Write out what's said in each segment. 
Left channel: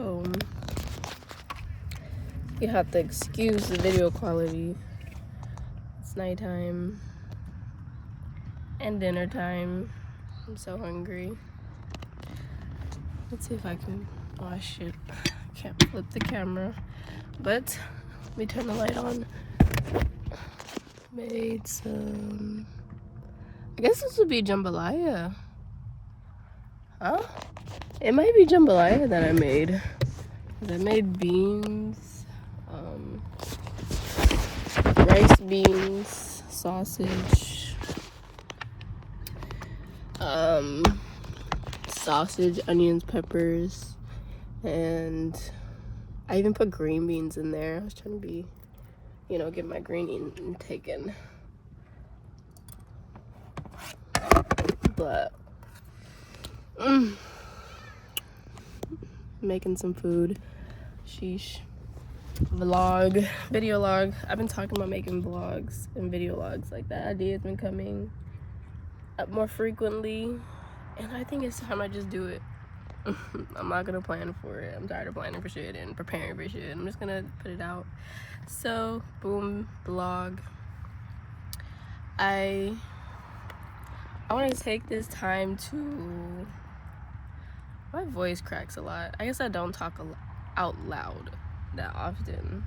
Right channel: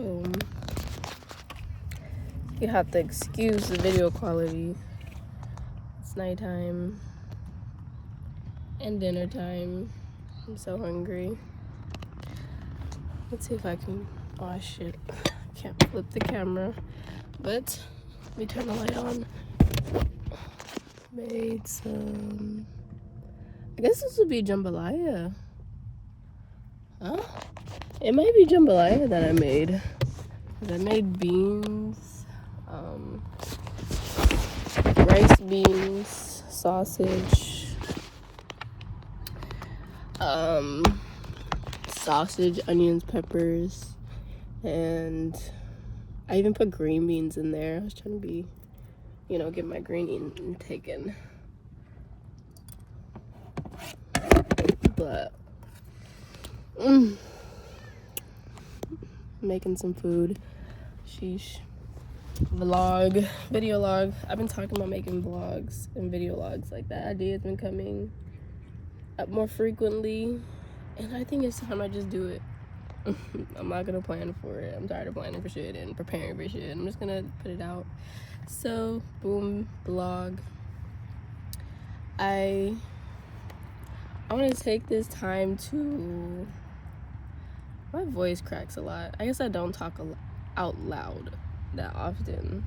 boom. You have to excuse the video quality. It's nighttime and dinner time. I'm so hungry. Let's see if I can, oh shit, can't flip the camera, but let me turn the light on. Made some, I guess this would be jambalaya. Huh? It might be jambalaya that I made. I made beans, rice, beans, sausage, onions, peppers, and I even put green beans in there. I was trying to be, get my green intake in. But, making some food. Sheesh. Video log. I've been talking about making vlogs and video logs. Like, that idea has been coming up more frequently, and I think it's time I just do it. I'm not gonna plan for it. I'm tired of planning for shit and preparing for shit. I'm just gonna put it out. So, boom, vlog. I want to take this time to, my voice cracks a lot. I guess I don't talk out loud that often.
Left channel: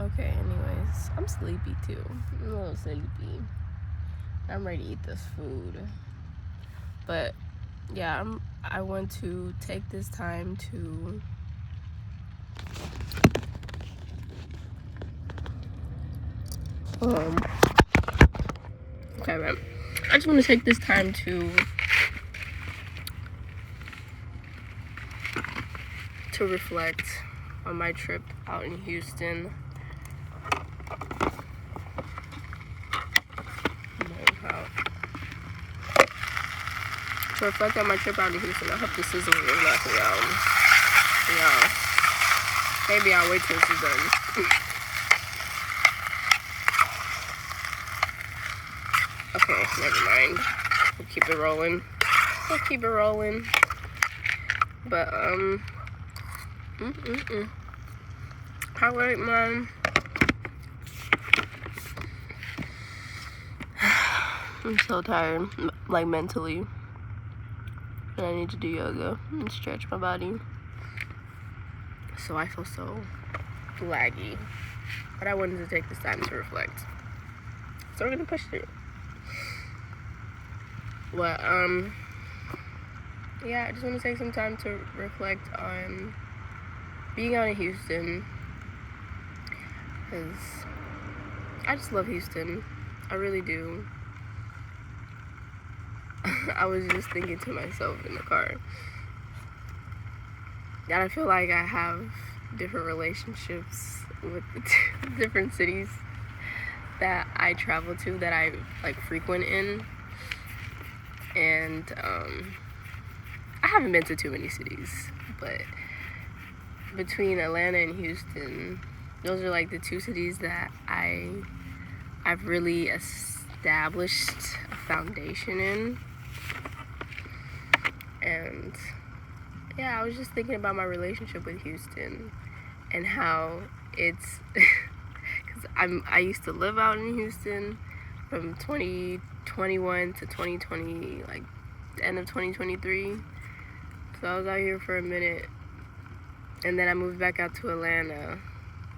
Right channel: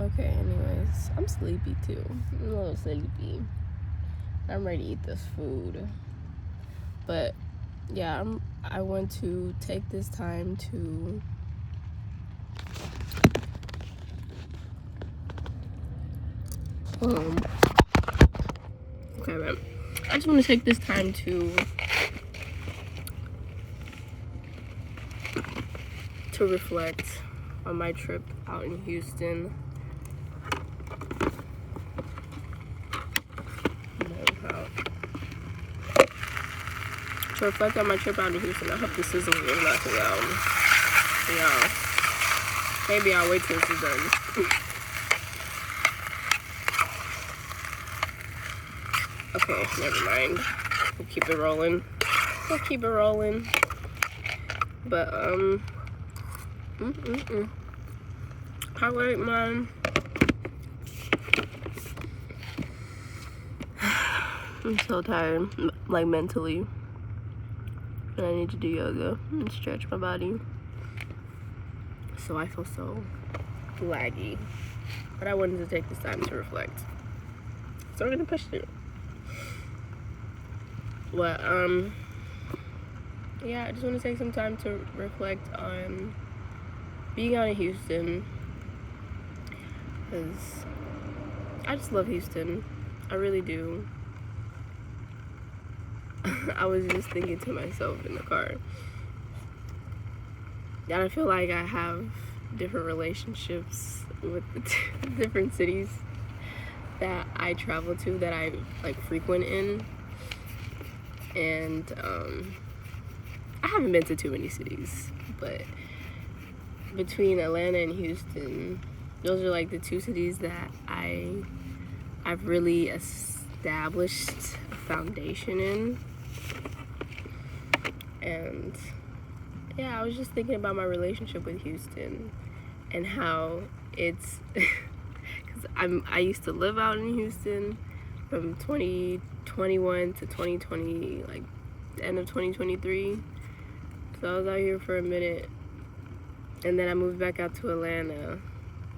Okay, anyways, I'm sleepy too. I'm a little sleepy. I'm ready to eat this food. But yeah, I want to take this time to okay, man. I just want to take this time to reflect on my trip out in Houston. To reflect on my trip out in Houston. I hope the sizzle is not too loud. Yeah. Maybe I'll wait till this is done. Okay, never mind. We'll keep it rolling. But, alright, man. I'm so tired, like mentally. And I need to do yoga and stretch my body. So I feel so laggy. But I wanted to take this time to reflect. So we're gonna push through. Well, yeah, I just want to take some time to reflect on being out in Houston, because I just love Houston. I really do. I was just thinking to myself in the car that I feel like I have different relationships with the different cities that I travel to, that I like frequent in. And I haven't been to too many cities, but between Atlanta and Houston, those are like the two cities that I've really established a foundation in. And yeah, I was just thinking about my relationship with Houston and how it's because I used to live out in Houston from 2021 to 2020, like the end of 2023. So I was out here for a minute, and then I moved back out to Atlanta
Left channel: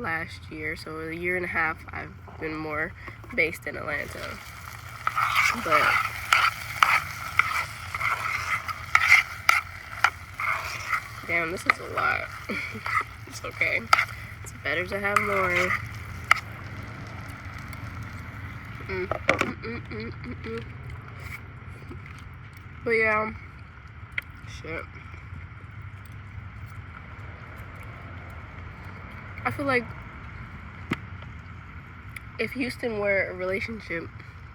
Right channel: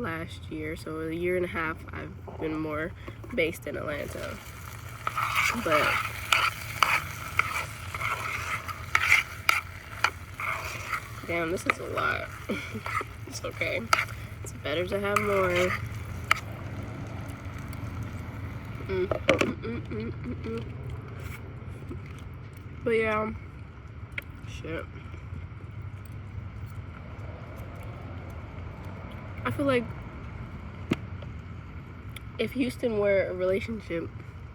last year. So a year and a half I've been more based in Atlanta. But damn, this is a lot. It's okay. It's better to have more. But yeah, shit. I feel like if Houston were a relationship,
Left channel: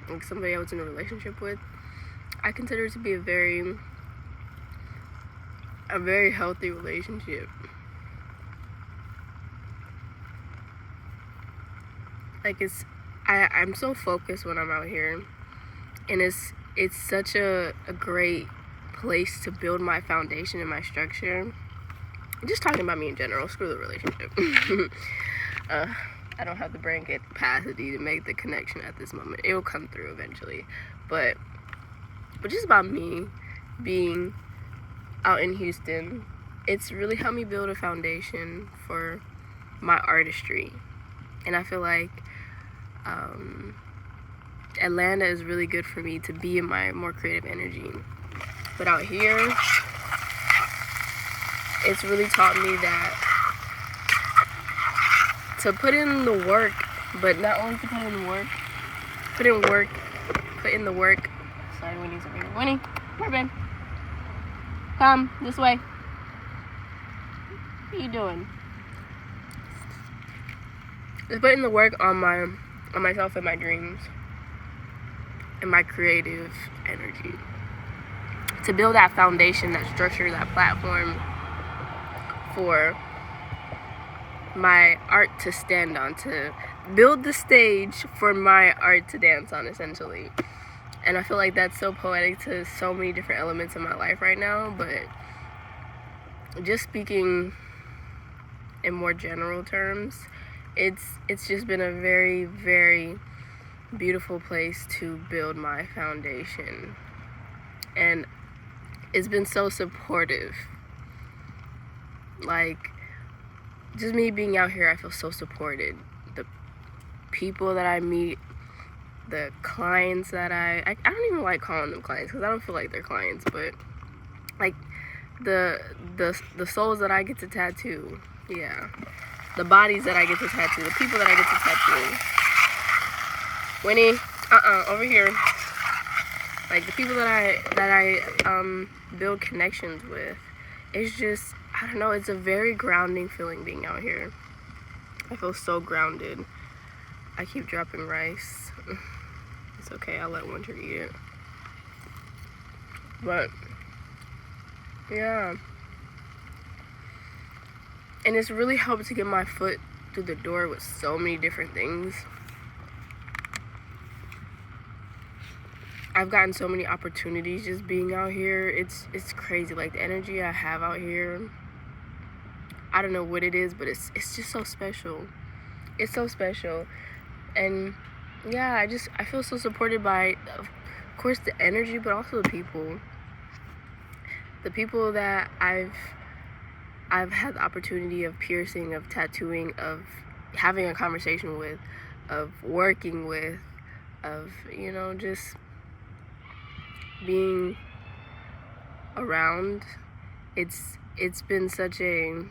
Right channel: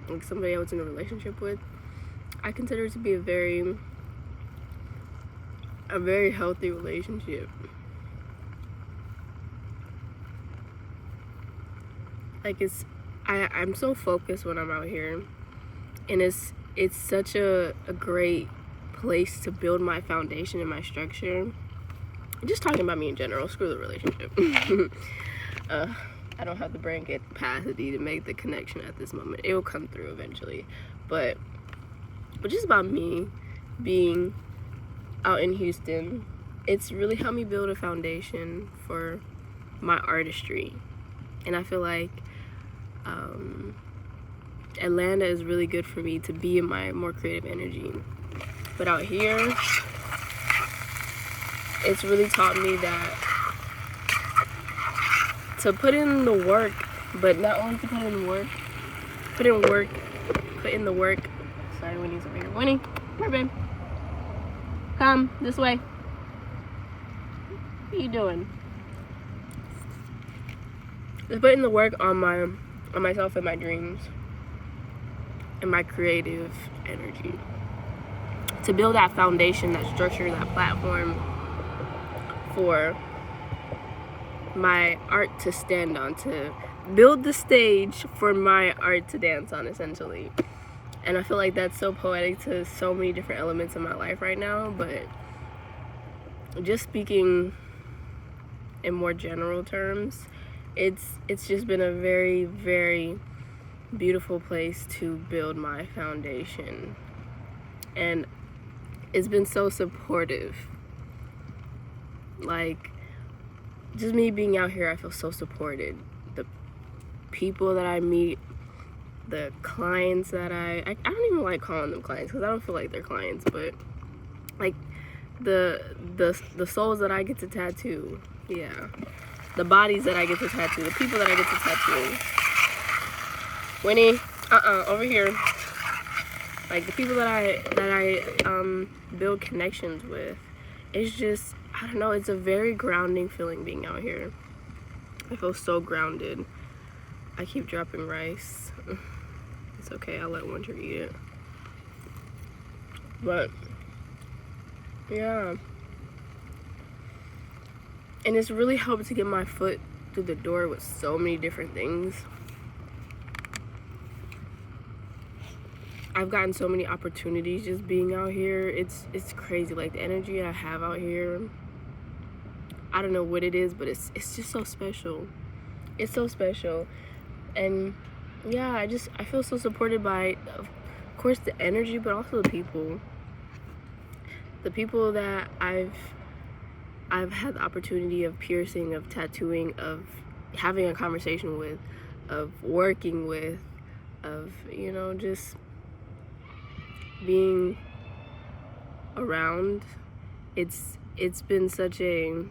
like somebody I was in a relationship with, I consider it to be a very healthy relationship. Like I'm so focused when I'm out here, and it's such a great place to build my foundation and my structure. Just talking about me in general, screw the relationship. I don't have the brain capacity to make the connection at this moment. It'll come through eventually. But just about me being out in Houston, it's really helped me build a foundation for my artistry. And I feel like Atlanta is really good for me to be in my more creative energy. But out here, it's really taught me that to put in the work, but not only to put in the work, put in the work. Sorry, Winnie's over here. Winnie, come here, babe. Come this way. What are you doing? Just put in the work on myself and my dreams and my creative energy to build that foundation, that structure, that platform for my art to stand on, to build the stage for my art to dance on, essentially. And I feel like that's so poetic to so many different elements in my life right now. But just speaking in more general terms, it's just been a very, very beautiful place to build my foundation. And it's been so supportive. Like, just me being out here, I feel so supported. The people that I meet, the clients that I don't even like calling them clients because I don't feel like they're clients, but like the souls that I get to tattoo, yeah, the bodies that I get to tattoo, the people that I get to tattoo. Winnie, over here. Like the people that I build connections with, it's just, I don't know, it's a very grounding feeling being out here. I feel so grounded. I keep dropping rice. It's okay, I'll let Winter eat it. But yeah, and it's really helped to get my foot through the door with so many different things. I've gotten so many opportunities just being out here. It's crazy. Like the energy I have out here, I don't know what it is, but it's just so special. It's so special. And yeah, I feel so supported by, of course, the energy, but also the people. The people that I've had the opportunity of piercing, of tattooing, of having a conversation with, of working with, of, you know, just being around. It's been such a,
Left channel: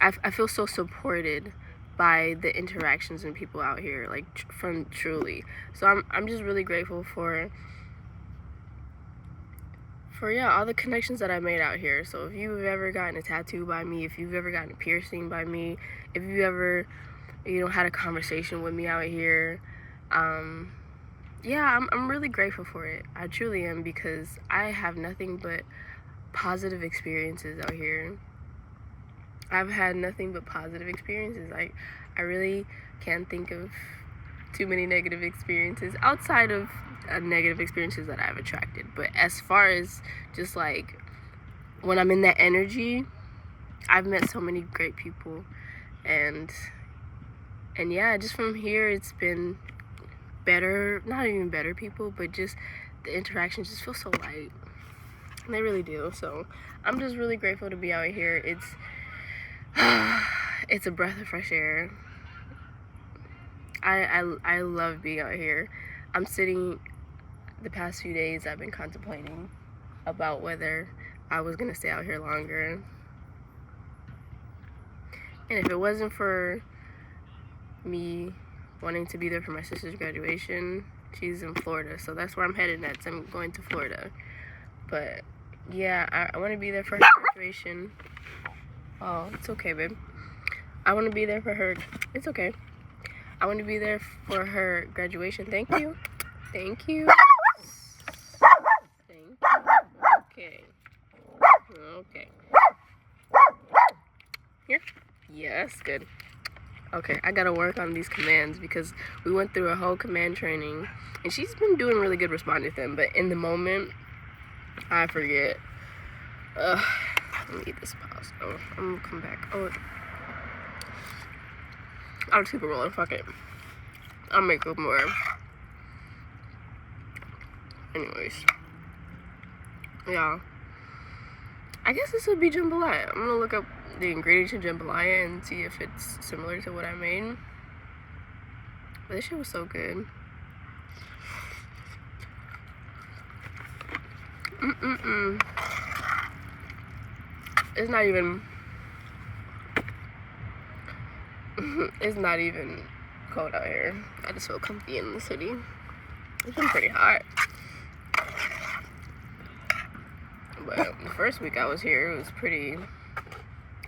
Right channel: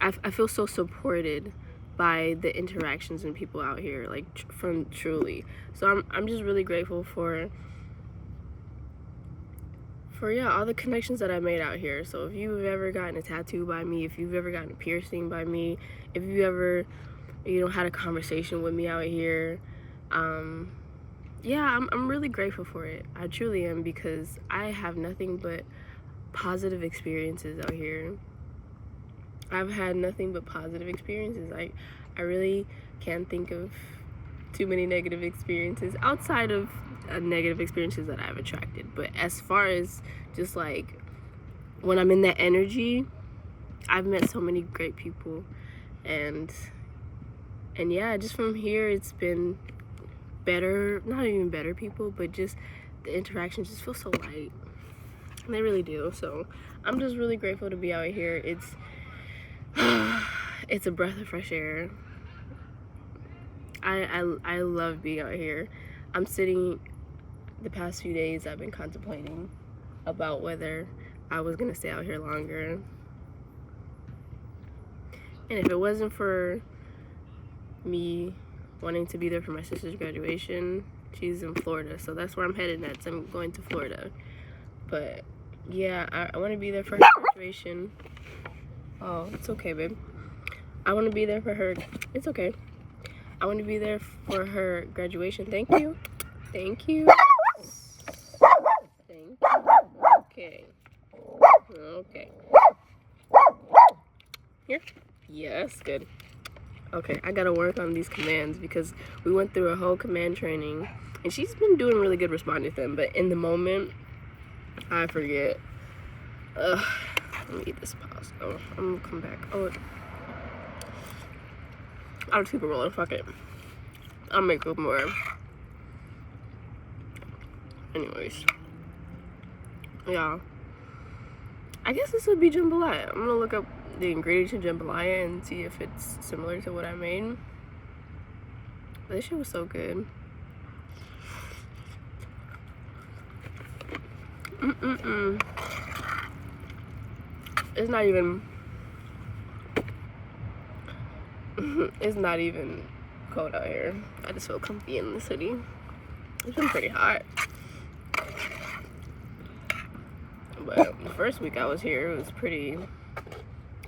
I feel so supported by the interactions and people out here, like from truly. So I'm just really grateful for yeah, all the connections that I made out here. So if you've ever gotten a tattoo by me, if you've ever gotten a piercing by me, if you ever, you know, had a conversation with me out here, yeah, I'm really grateful for it. I truly am, because I have nothing but positive experiences out here. I've had nothing but positive experiences. I really can't think of too many negative experiences outside of negative experiences that I've attracted. But as far as just like when I'm in that energy, I've met so many great people, and yeah, just from here it's been better, not even better people, but just the interactions just feel so light. And they really do. So I'm just really grateful to be out here. It's a breath of fresh air. I love being out here. I'm sitting, the past few days I've been contemplating about whether I was gonna stay out here longer. And if it wasn't for me wanting to be there for my sister's graduation, she's in Florida, so that's where I'm headed next. I'm going to Florida. But yeah, I want to be there for her graduation. Oh, it's okay, babe. I want to be there for her. It's okay. I want to be there for her graduation. Thank you. Thank you. Thank you. Okay. Okay. Here? Yeah, that's good. Okay, I gotta work on these commands because we went through a whole command training and she's been doing really good responding to them, but in the moment I forget. Let me get this pause. Oh, I'm gonna come back. Oh, I'll just keep it rolling. Fuck it. I'll make up more. Anyways, yeah. I guess this would be jambalaya. I'm gonna look up the ingredients of jambalaya and see if it's similar to what I made. But this shit was so good. It's not even. It's not even cold out here. I just feel comfy in the city. It's been pretty hot. But the first week I was here, it was pretty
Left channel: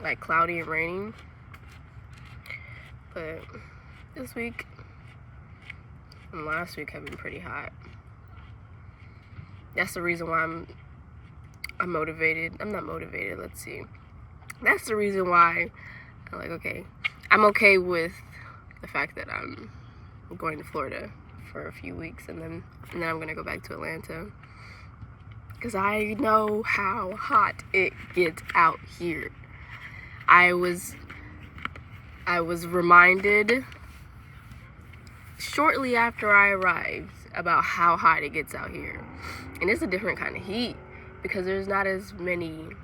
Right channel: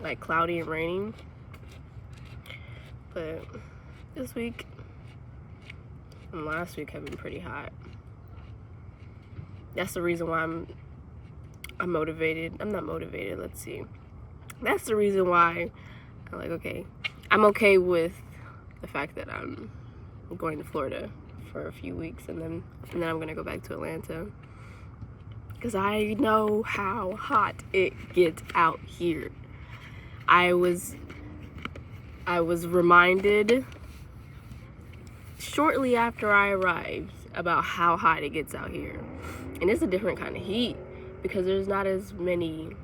like cloudy and raining. But this week and last week have been pretty hot. That's the reason why I'm motivated. I'm not motivated, let's see. That's the reason why I'm like, okay, I'm okay with the fact that I'm going to Florida for a few weeks and then I'm gonna go back to Atlanta. Because I know how hot it gets out here. I was reminded shortly after I arrived about how hot it gets out here. And it's a different kind of heat because there's not as many,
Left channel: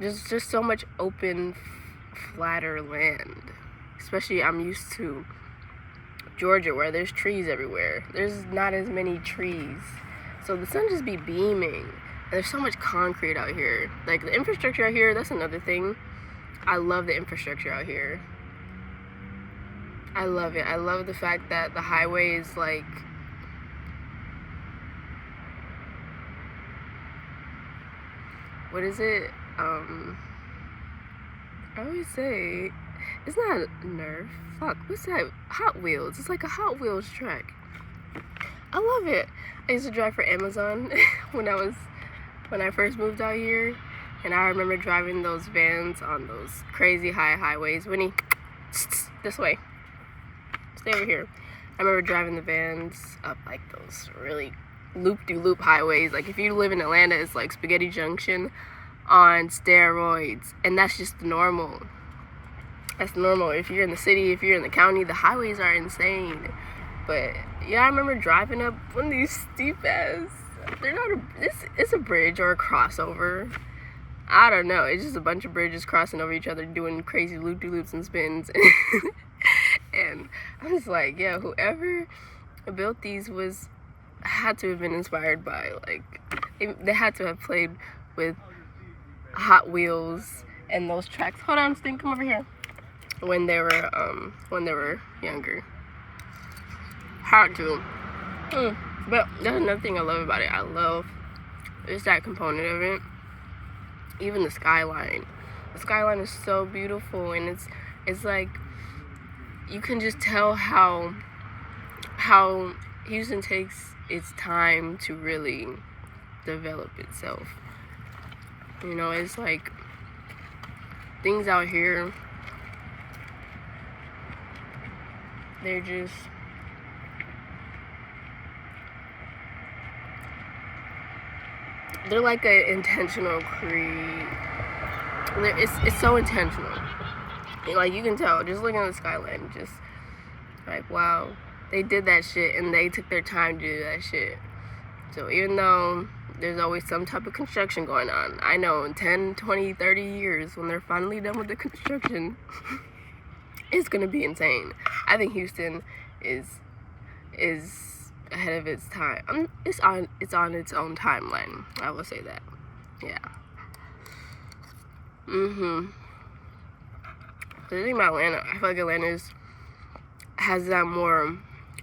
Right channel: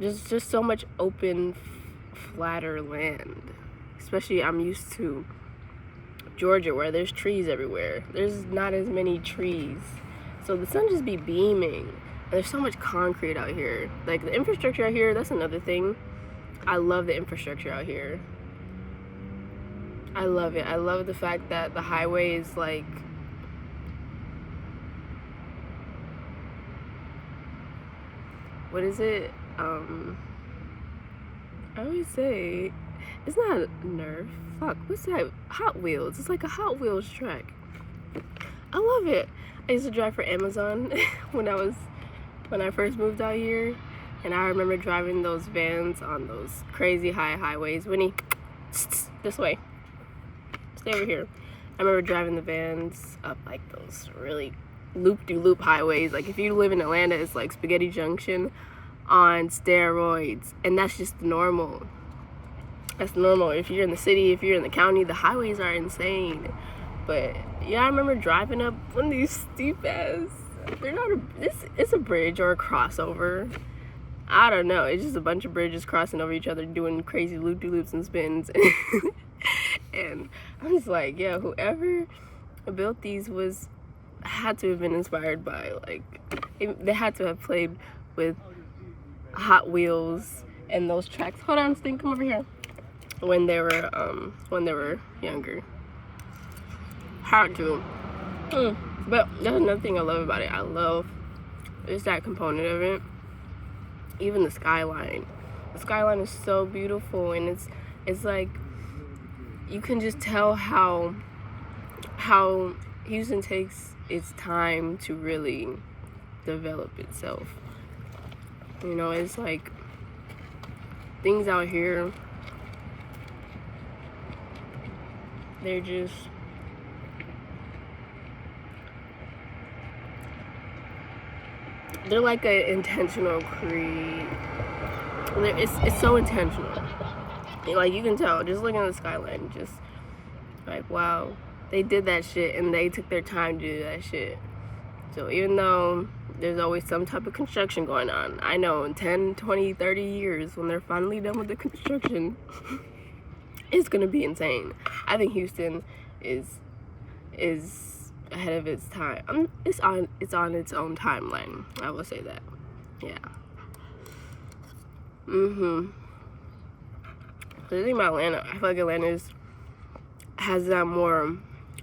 there's just so much open, flatter land. Especially I'm used to Georgia where there's trees everywhere. There's not as many trees. So the sun just be beaming. And there's so much concrete out here. Like the infrastructure out here, that's another thing. I love the infrastructure out here. I love it. I love the fact that the highway is like, what is it? I always say, it's not Nerf. Fuck, what's that? Hot Wheels. It's like a Hot Wheels track. I love it. I used to drive for Amazon when I first moved out here, and I remember driving those vans on those crazy high highways. Winnie, this way. Stay over here. I remember driving the vans up like those really loop-de-loop highways. Like if you live in Atlanta, it's like Spaghetti Junction on steroids, and that's just normal. That's normal. If you're in the city, if you're in the county, the highways are insane. But yeah, I remember driving up one of these steep ass. They're not it's a bridge or a crossover. I don't know. It's just a bunch of bridges crossing over each other, doing crazy loop-de-loops and spins. And I'm just like, yeah, whoever built these had to have been inspired by, like, they had to have played with Hot Wheels and those tracks. Hold on, Sting, come over here. When they were younger. Hard to. But that's another thing I love about it. I love just that component of it. Even the skyline. The skyline is so beautiful, and it's like you can just tell how Houston takes its time to really develop itself. You know, it's like things out here, they're just they're like an intentional it's so intentional. Like you can tell just looking at the skyline, just like, wow, they did that shit and they took their time to do that shit. So even though there's always some type of construction going on, I know in 10, 20, 30 years when they're finally done with the construction, it's gonna be insane. I think Houston is ahead of its time. It's on its own timeline. I will say that. Yeah. The thing about Atlanta, I feel like Atlanta has that more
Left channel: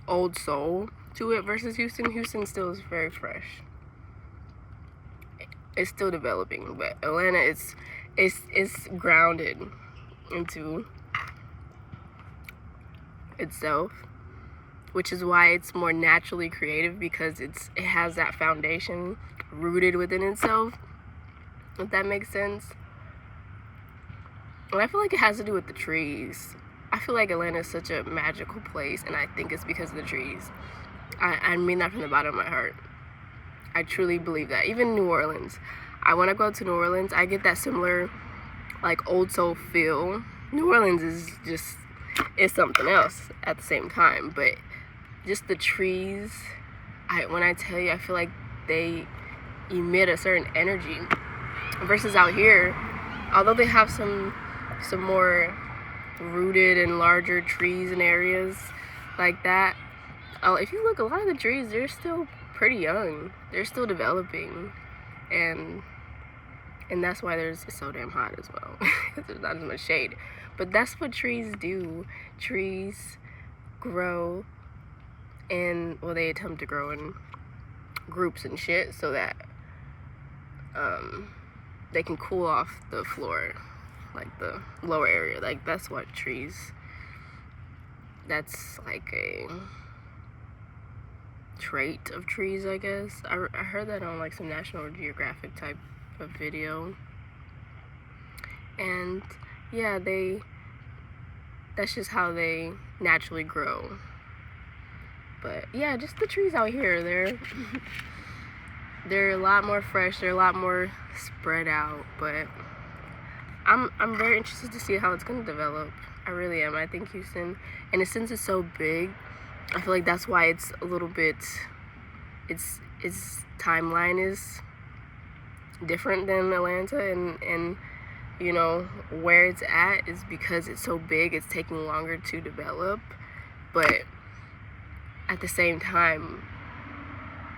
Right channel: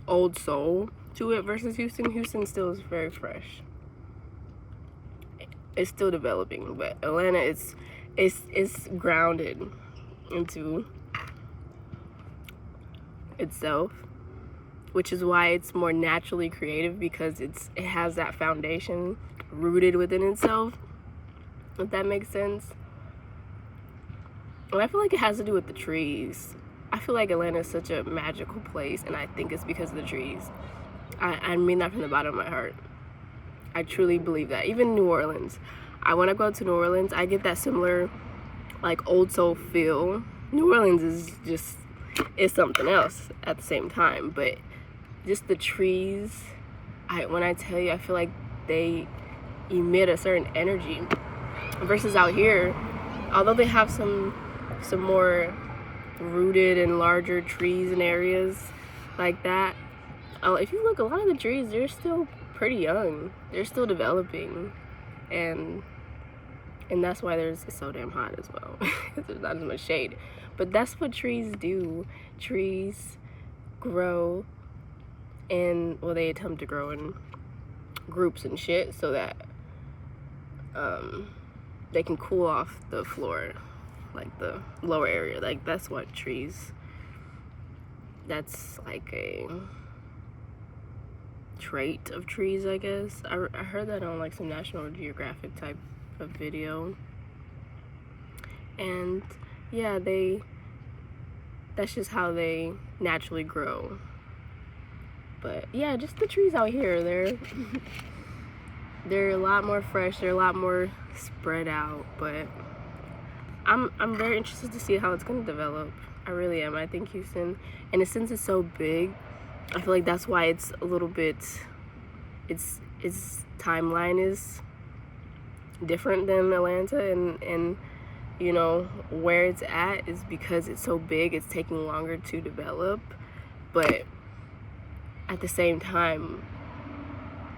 old soul to it versus Houston. Houston still is very fresh. It's still developing, but Atlanta it's grounded into itself, which is why it's more naturally creative, because it has that foundation rooted within itself, if that makes sense. And I feel like it has to do with the trees. I feel like Atlanta is such a magical place, and I think it's because of the trees. I mean that from the bottom of my heart. I truly believe that. Even New Orleans. When I go to New Orleans, I get that similar, like, old soul feel. New Orleans is just, it's something else at the same time. But just the trees, when I tell you, I feel like they emit a certain energy. Versus out here, although they have some more rooted and larger trees and areas like that, if you look, a lot of the trees, they're still pretty young. They're still developing, and that's why it's so damn hot as well. There's not as much shade. But that's what trees do. Trees grow, and they attempt to grow in groups and shit so that they can cool off the floor, like the lower area. Like, that's what trees, that's like a trait of trees, I guess. I heard that on like some National Geographic type of video, and yeah, that's just how they naturally grow. But yeah, just the trees out here, they're a lot more fresh, they're a lot more spread out. But I'm very interested to see how it's gonna develop. I really am. I think Houston, and since it's so big, I feel like that's why it's a little bit, its timeline is different than Atlanta, and you know, where it's at is because it's so big, it's taking longer to develop. But at the same time,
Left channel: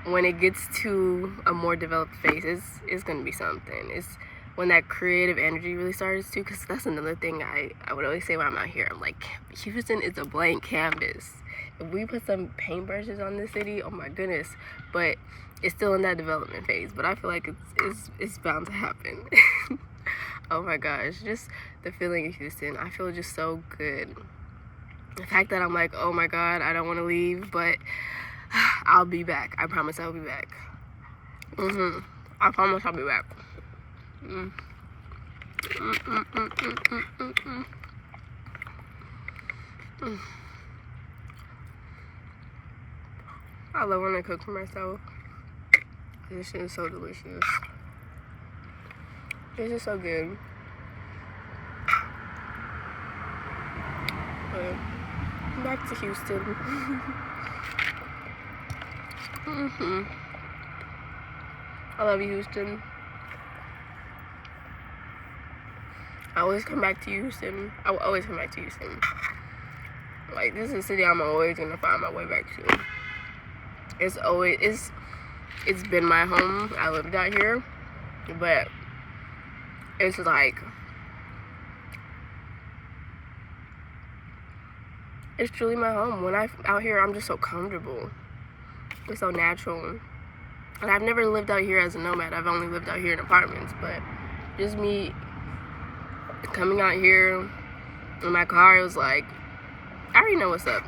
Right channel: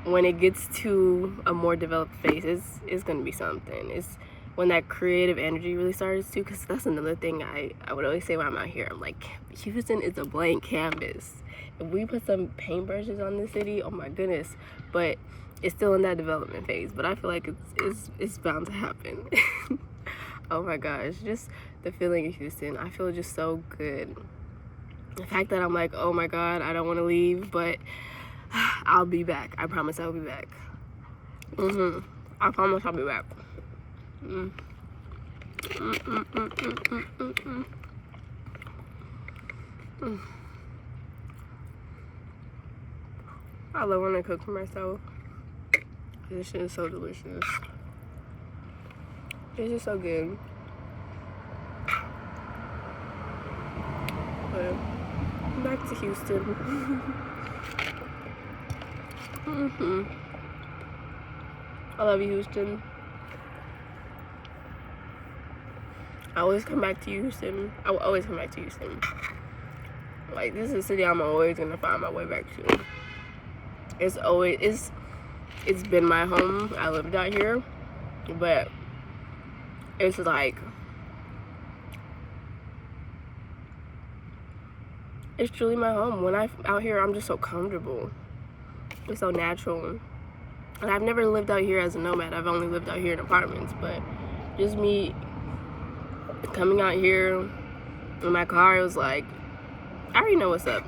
when it gets to a more developed phase, it's gonna be something. It's when that creative energy really starts to, because that's another thing I would always say when I'm out here. I'm like, Houston is a blank canvas. If we put some paintbrushes on this city, oh my goodness. But it's still in that development phase. But I feel like it's bound to happen. Oh my gosh, just the feeling of Houston. I feel just so good. The fact that I'm like, oh my God, I don't want to leave, but I'll be back. I promise I'll be back. I promise I'll be back. I love when I cook for myself. This shit is so delicious. It's just so good. But back to Houston. I love you, Houston. I always come back to Houston. I will always come back to Houston. Like, this is a city I'm always gonna find my way back to. It's been my home. I lived out here, but it's like, it's truly my home. When I'm out here, I'm just so comfortable. It's so natural. And I've never lived out here as a nomad. I've only lived out here in apartments. But just me coming out here in my car, it was like, I already know what's up.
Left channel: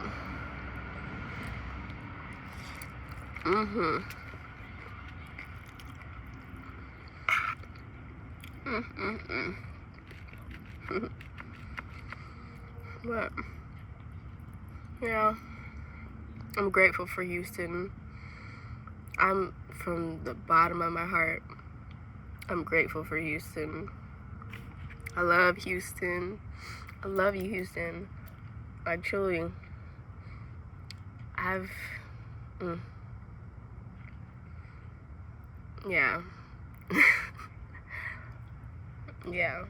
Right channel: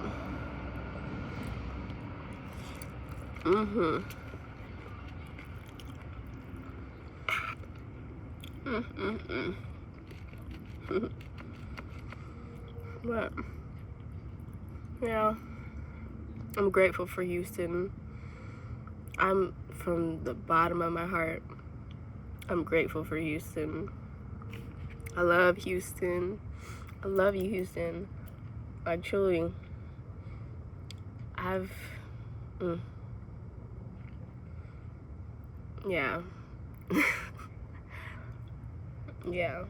But yeah, I'm grateful for Houston. I'm, from the bottom of my heart, I'm grateful for Houston. I love Houston. I love you, Houston. Like, truly. Yeah. Yeah.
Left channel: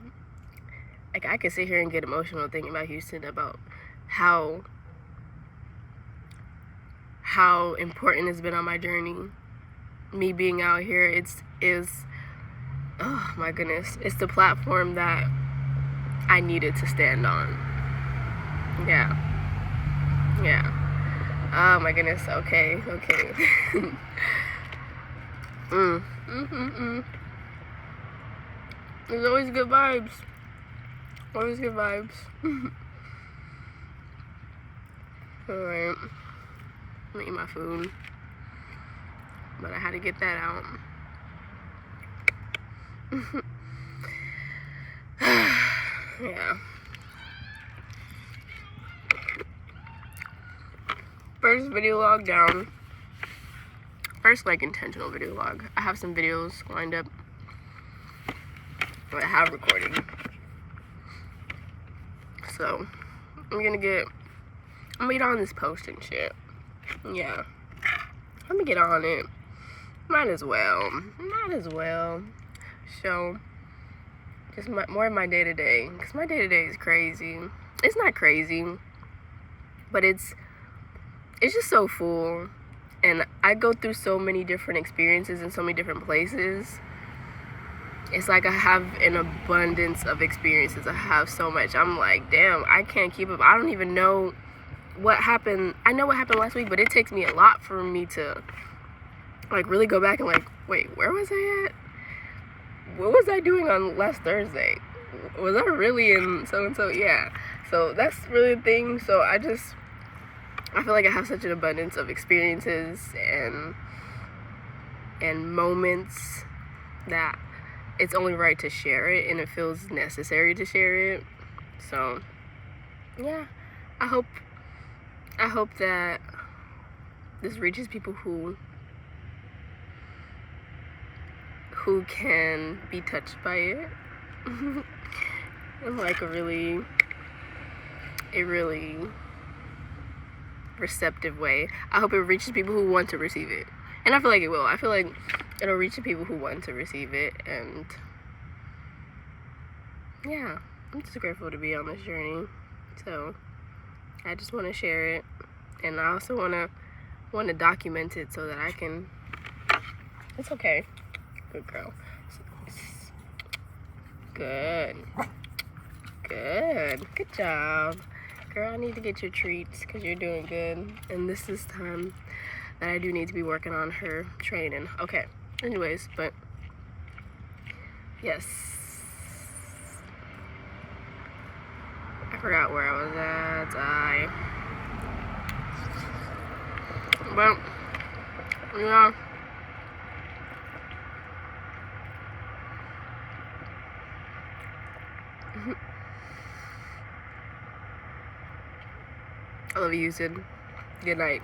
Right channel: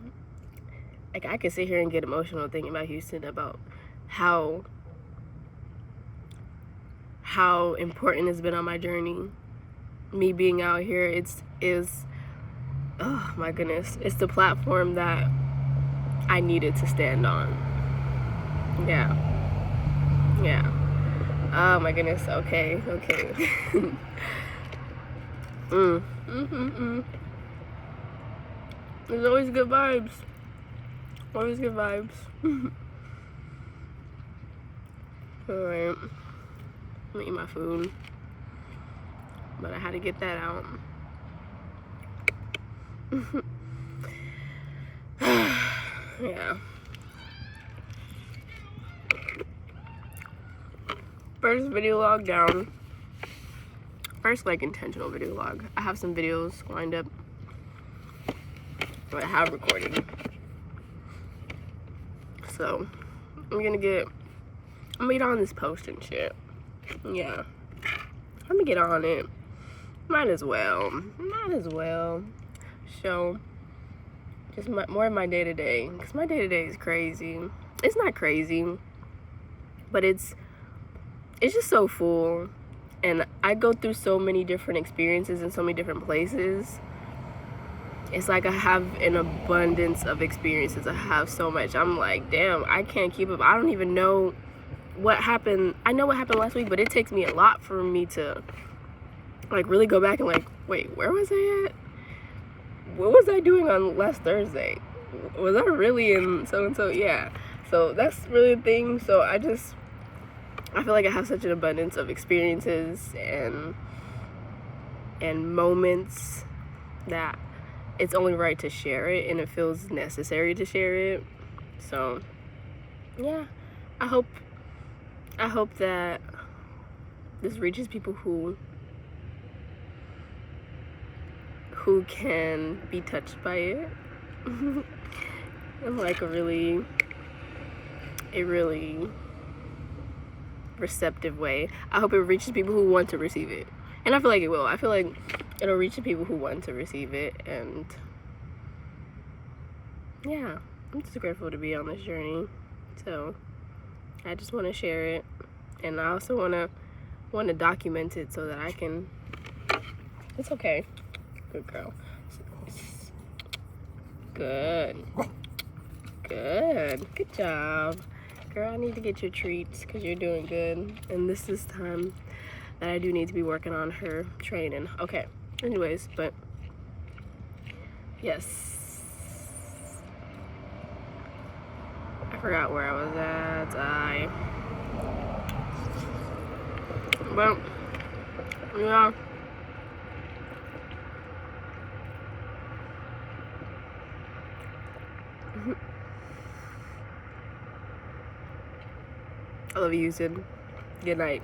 Like, I could sit here and get emotional thinking about Houston, about how important it's been on my journey. Me being out here, is oh my goodness, it's the platform that I needed to stand on. Yeah. Oh my goodness. Okay. There's always good vibes. Always good vibes. Alright. I'm gonna eat my food. But I had to get that out. Yeah. First video log down. first like intentional video log. I have some videos lined up that I have recorded. So I'm gonna get on this post and shit. Yeah. I'm gonna get on it. Might as well. So just more of my day-to-day, because my day-to-day is crazy. It's not crazy, but it's just so full, and I go through so many different experiences in so many different places. It's like I have an abundance of experiences. I have so much. I'm like, damn, I can't keep up. I don't even know what happened. I know what happened last week, but it takes me a lot for me to like really go back and like, wait, where was I at? What was I doing on last Thursday? Was I really in so-and-so? Yeah. So that's really the thing. So I feel like I have such an abundance of experiences and moments that it's only right to share it, and it feels necessary to share it. So yeah, I hope that this reaches people who can be touched by it in like a really receptive way. I hope it reaches people who want to receive it, and I feel like it will. I feel like it'll reach the people who want to receive it, and yeah, I'm just grateful to be on this journey. So I just want to share it, and I also want to document it so that I can. It's okay. Good girl. Good job, girl. I need to get your treats because you're doing good, and this is time that I do need to be working on her training. Okay, anyways, but yes, I forgot where I was at. But yeah, I love you, Houston. Good night.